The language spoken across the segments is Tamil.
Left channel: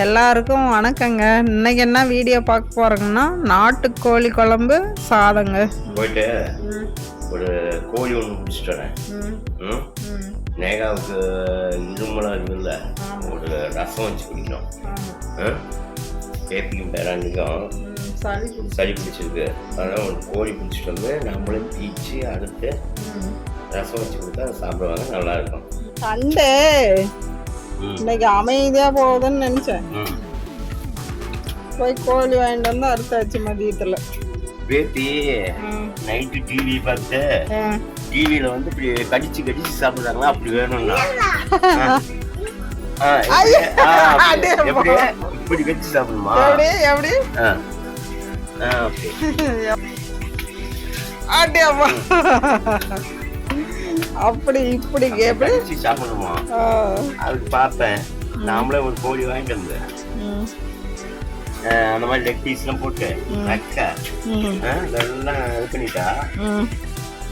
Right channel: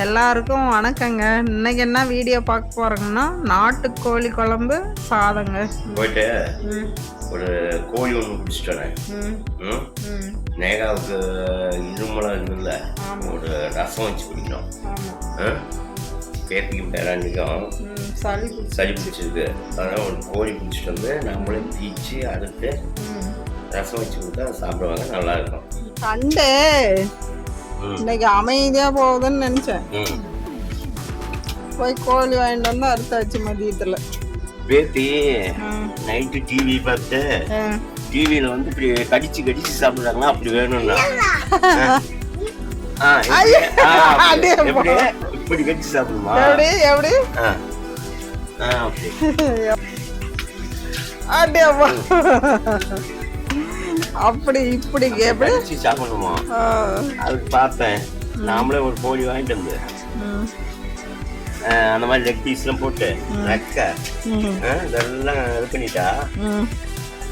எல்லாருக்கும் வணக்கங்க. இன்னைக்கு என்ன வீடியோ பார்க்க போறோங்கன்னா நாட்டுக்கோழி குழம்பு சாதங்க. போயிட்டு ஒரு கோழி ஒன்று பிடிச்சிட்டேன். நேகாவுக்கு இருமலாம் இருந்தில்ல, ஒரு ரசம் வச்சு குடிக்கணும். பேத்திக்கும் பேராண்டிக்கும் சளி பிடிச்சிருக்கு. அதனால் ஒரு கோழி பிடிச்சிட்டு வந்து நம்மளே தீச்சு அடுத்து ரசம் வச்சு கொடுத்தா சாப்பிடுவாங்க, நல்லா இருக்கும். சண்டே இன்னைக்கு அமைதியா போகுதுன்னு நினைச்சேன். போய் கோழி வாங்கிட்டு வந்து அறுத்தாச்சு மதியத்துல. பேத்தி நைட்டு டிவி பார்த்து டிவியில வந்து இப்படி கடிச்சு கடிச்சு சாப்பிடுறாங்களா, அப்படி வேணும்னா இப்படி கடிச்சு சாப்பிடுமா? எப்படி அப்படியாமா? அப்படி இப்படி எப்படி சாப்பிடணுமா? அதுக்கு பார்த்தேன். நாமளே ஒரு கோழி வாங்கிட்டு வந்து அந்த மாதிரி லெக் பீஸ்லாம் போட்டு நக்க இதெல்லாம் இது பண்ணிட்டா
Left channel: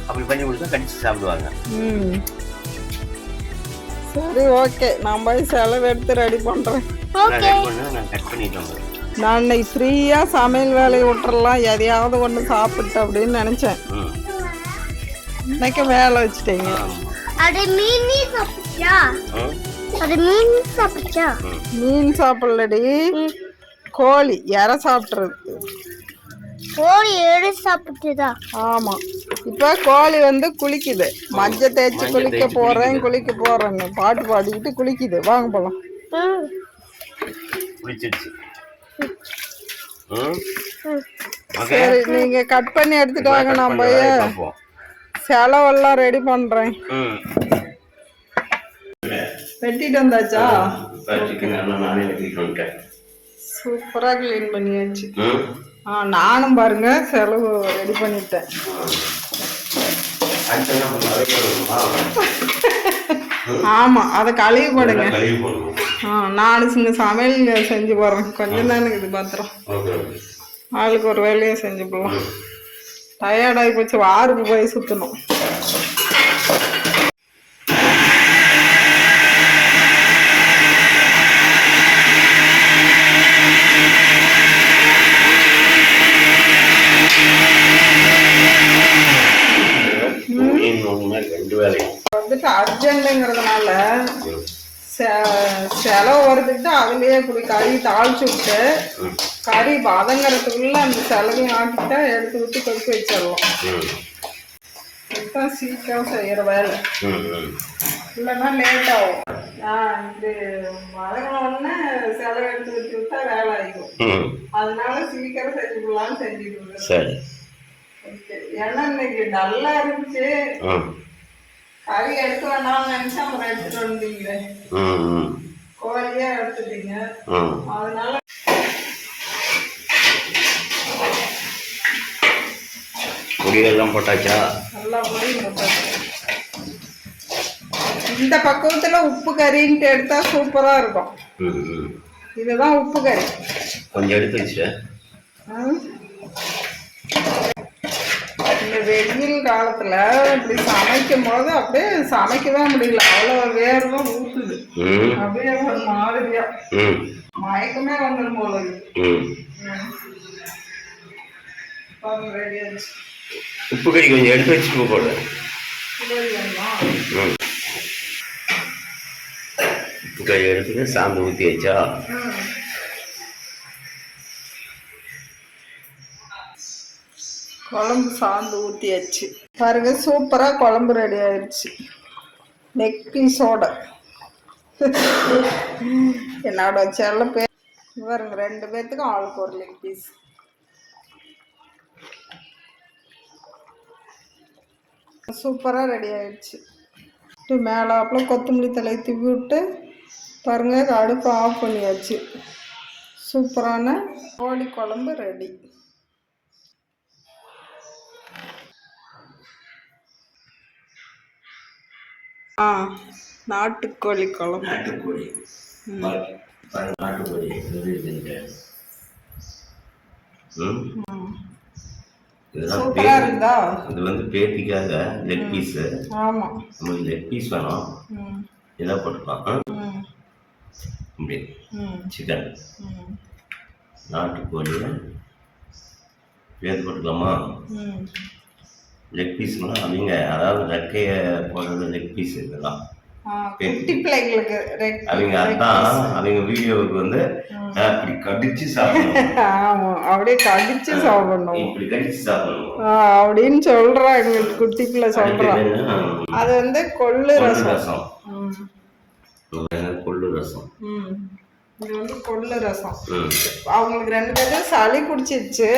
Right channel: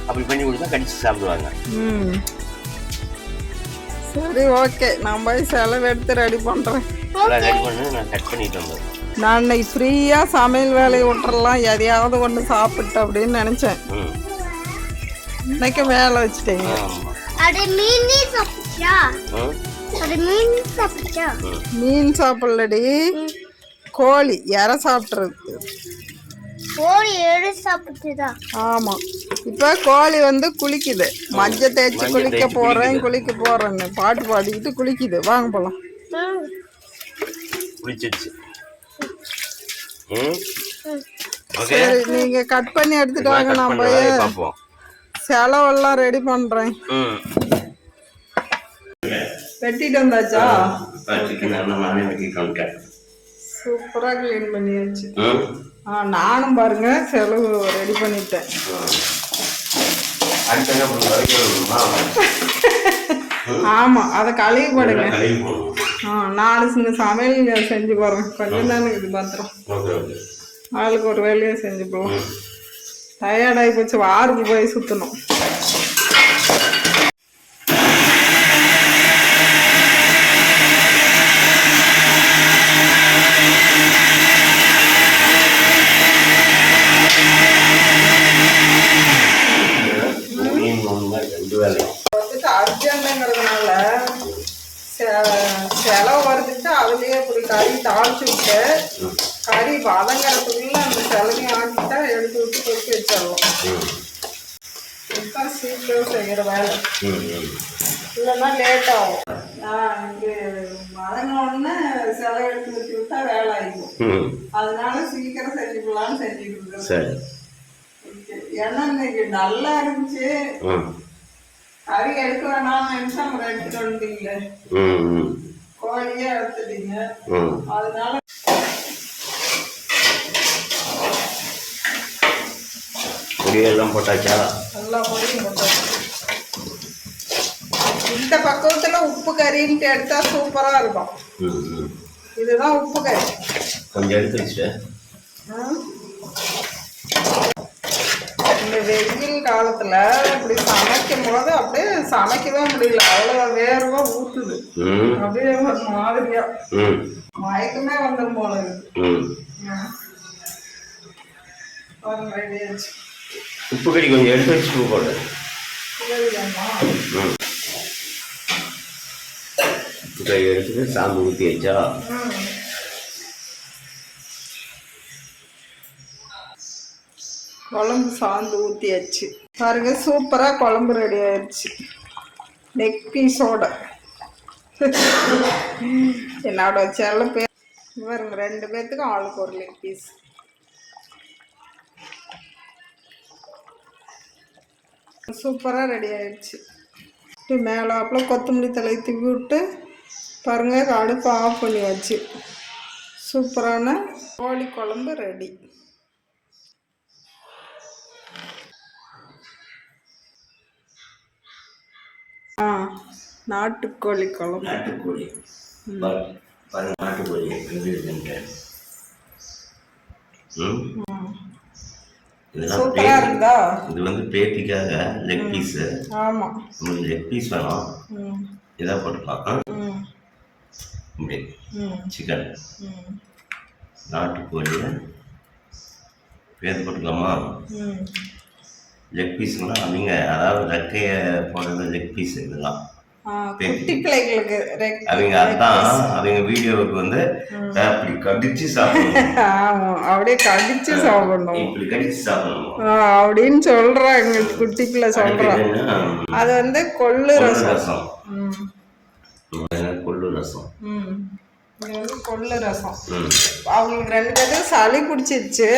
அப்படி பண்ணி கொடுத்தா கடிச்சு சாப்பிடுவாங்க. சரி, ஓகே. நான் போய் செலவு எடுத்து ரெடி பண்றேன். ரெடி பண்ண நான் கட் பண்ணிட்டு வந்தேன். நான் இன்னைக்கு ஃப்ரீயா சமையல் வேலையை விட்டுறலாம், எதையாவது ஒன்று சாப்பிட்டு அப்படின்னு நினைச்சேன். இன்னைக்கு வேலை வச்சுட்டீங்க. மீன் சாப்பிடலடி, கோழி இற சாப்பிட்றது. ஆமா, இப்ப கோழி வந்து குளிக்குது. மஞ்சள் தேய்ச்சி குளிக்க போறேன்னு பாட்டு பாடிக்கிட்டு குளிக்குது. வாங்க போலாம். சரி, நீங்க கட் பண்ணி எடுத்துட்டு வாங்க. நான் போய் செலவெல்லாம் ரெடி பண்றேன். வெட்டிட்டு வந்தாச்சா? சூப்பரா கிளீன் பண்ணியாச்சு. நானும் பாருங்க செலவு ரெடி பண்ணிட்டேன். ஆமா, அதை கழுவி போடுங்க. நானும் சின்ன சமையல் செஞ்சு போடுறேன். கொஞ்சம் தானே இது பாத்திரம், ஆளுக்கு ஒரு வேலையை செஞ்சு போடலாம். டயர்டாகி போச்சு, வாருக்கு போய் சுற்றணும். வந்துட்டு அர்ஜென்ட்டுங்கிறதுனால செலவு வருதுட்டு அதுலயே இப்படி கறி தாளிச்சு விட்டு கறி வதங்கிறதுக்குள்ள அந்த செலவையும் ஆக்கிட்டா எடுத்து விட்டு கொதிக்க வச்சிடலாம். இதுதான் சீக்கிரம் செய்யற வேலை, இல்லைன்னா லேட் ஆகும். இது வதங்கினோடனே செலவு எடுத்து வச்சு விட்டா வேலை ஆகிடும். அதனால சீக்கிரம் செஞ்சுக்கலான்னு செஞ்சுட்டு இருக்கேன். ஏன்னா இன்னைக்கு நல்லா இருந்துச்சு, கறி எடுக்க வேணாம்னு நினைச்சா அப்புறம் எடுத்துட்டு வந்தீங்களே, கோழியே எடுத்துட்டீங்க. அதனால பொடியெல்லாம் போட்டாச்சா? நல்லா பொடியும் போட்டாச்சு. இந்த பக்குவத்துல உப்பு கறின்ட்டு எடுத்தா சூப்பரா இருக்கும். இதுதான் உப்பு கறி. கொஞ்சம் எடுத்து வச்சுட்டேன். இந்த வெயில் காலத்துல இப்படி சமைக்கும் போது அப்படியே சமைக்கவே முடியல, அவ்வளவு வேர்வா ஊத்துது. அப்படியே ஒரு மாதிரியா மயக்கமே வந்துடும் போல இருக்கு. உப்பு கறி கொஞ்சம் எடுத்து வச்சுட்டு போடு. உப்பு கறி எடுத்துட்டு சாந்து ஊற்றி வச்சா குழம்பு சாந்து ஊற்றியாச்சு. பாருங்க, சூப்பராக குழம்பு ரெடி ஆயிடுச்சு. லெக் பீஸோட என்னோட செல்ல பேர் பாருங்க, 2 பேர்த்துக்கும் ஆளுக்கு ஒரு லெக் பீஸ். சூப்பராக ரெடி ஆயிடுச்சு. மேலாப்பில் கொத்தமல்லி தலை தூவி விட்டு பாருங்க, அடுப்பு ஆஃப் பண்ணியாச்சு. சூப்பரான கோழி குழம்பு ரெடி. நாட்டுக்கோழி குழம்பு. நாட்டுக்கோழி சூப்பரா இருந்தா. இது வந்து பேத்திக்காக லெக் பீஸ். ஆமா, உங்களுக்கு லெக் பீஸ் வேணும், இதாக போட்டுக்கலாம். இப்படி ம் சிக்கன் ம் நாட்டுக்கோழியை பேர் போட்டுக்கலாமா? ம் லெக் பீஸுங்களாம் அவங்க அதாவது ரெக்கையை போடுறது லெக் பீஸ் இதெல்லாம் குட்டி பிள்ளைங்களுக்கு அவங்க அதான் அவங்க வீடியோவுக்கு வந்து அப்படி கடிச்சு சாப்பிடணும். ஆமா அப்படியே கடிச்சு சாப்பிடணும் இப்படி கடிச்சு சாப்பிடணும் அப்படின்னு சொல்றாங்க குட்டி பிள்ளை சொல்றான். அது வந்து கொள்ளு ரசம். கொள்ளு ரசம் இது வந்து கொள்ளு ரசம். அவங்களுக்கு 2 பேரும் சளி பிடிச்சிருச்சு,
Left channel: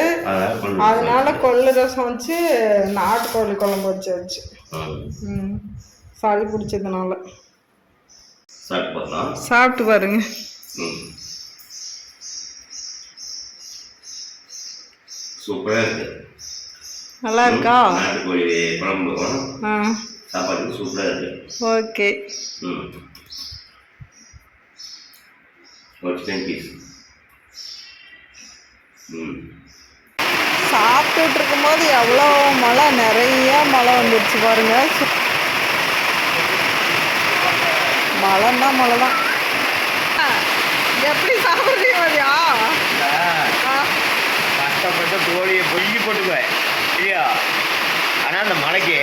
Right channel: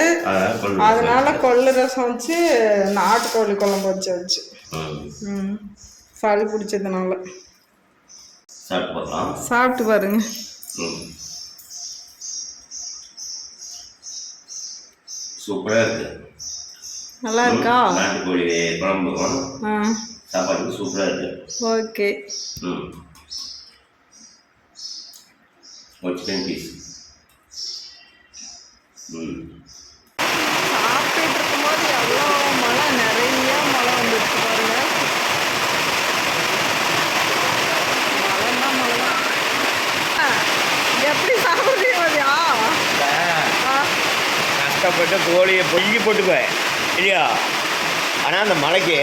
அதனால கொள்ளு ரசம் வச்சு நாட்டுக்கோழி குழம்பு வச்சு சளி பிடிச்சதுனால சாப்பிட்டு பாருங்க. சூப்பரா இருக்கு. நல்லா இருக்கா? நாட்டுக்கோழி குழம்பு சாப்பாடு சூப்பரா இருக்கு. ஓகே. சாப்பிட்டுட்டு இருக்கும்போது எவ்வளோ மழை, நிறைய மழை வந்துடுச்சு பாருங்க. மழைன்னா மழை தான். எப்படி சாப்பிட்றீங்க மதியா? கஷ்டப்பட்ட கோழியை பொய்கி போட்டுக்குவேன் இல்லையா? ஆனால் அந்த மலைக்கு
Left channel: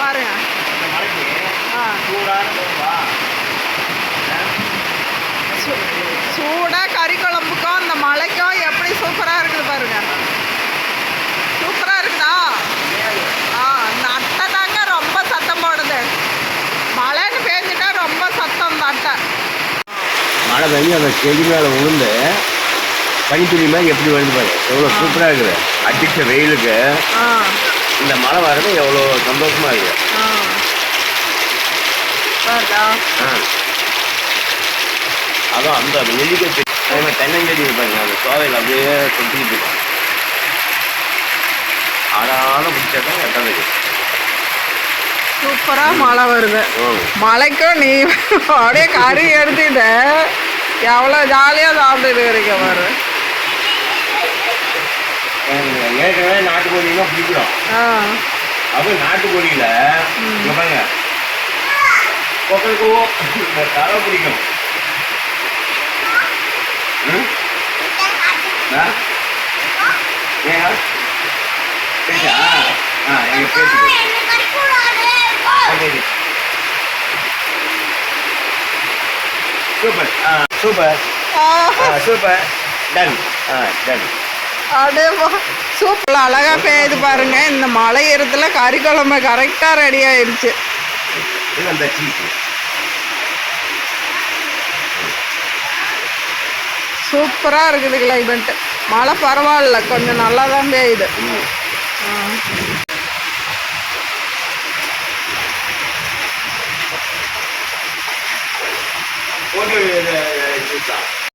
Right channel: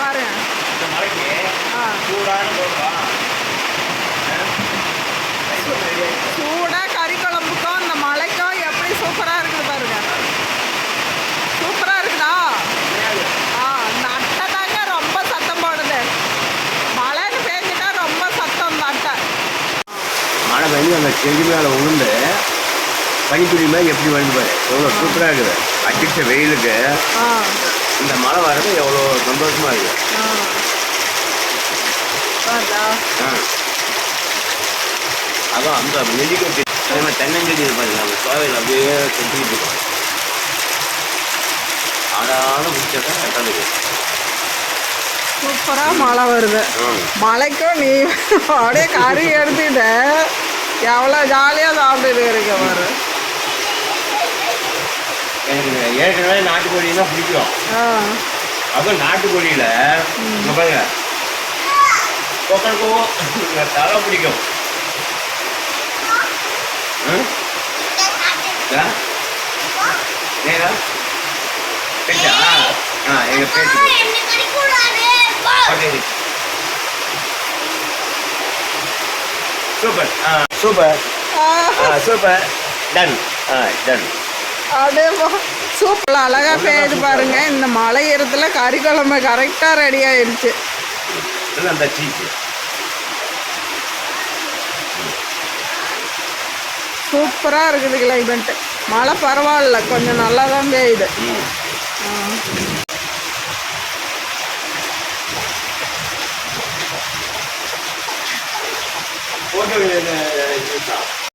பாருங்க, அந்த மலைக்கு சூடான போடுவா சூடாக கறி குழம்புக்கும் அந்த மலைக்கும் எப்படி சூப்பராக இருக்குது பாருங்க. சூப்பராக இருக்குதா? இந்த அட்டை தாங்க ரொம்ப சத்தம் போடுது. மழைன்னு பேஞ்சிட்டா ரொம்ப சத்தம் இந்த அட்டை. மழை வந்து அந்த செடி மேலே விழுந்து பனித்துளி மாதிரி எப்படி வந்து பாரு, எவ்வளோ சூப்பராக இருக்குது. அடிச்ச வெயிலுக்கு இந்த மழை வர்றது எவ்வளோ சந்தோஷமா இருக்குது. அதான் அந்த நெல்லிக்காய் தென்னஞ்செடி இருப்பாங்க, அந்த சோவையில் அப்படியே கொட்டிக்கிட்டு இருக்கோம். ஆடான பிடிச்சாதான் கட்டாது. சூப்பராக மழை வருது. மழைக்கும் நீ அப்படியே கறி எடுத்துக்கிட்ட எவ்வளோ ஜாலியாக சாப்பிட்டுட்டு இருக்க பாரு. ஏற்கனவே நாட்டுக்கோழின்னா பிடிக்கும். அதுவும் நாட்டுக்கோழியில் பாருங்க கொக்கலுக்கும் தலை பிடிக்கும். ஏன்னா எங்க பேச்சு super super super done done. அப்படியே சூப்பர் அழகாக பெய்யுது பாருங்க. இந்த மழை இடத்துல கறி குழம்பு கரெக்டாக ரெடி ஆயிடுச்சு. அந்த சீஸ் சூப்பராக இருக்குது கிளைமேட்டு. மழை பரவாயில்ல, கொஞ்சம் நல்லா தான் பெய்யுது. போட்டு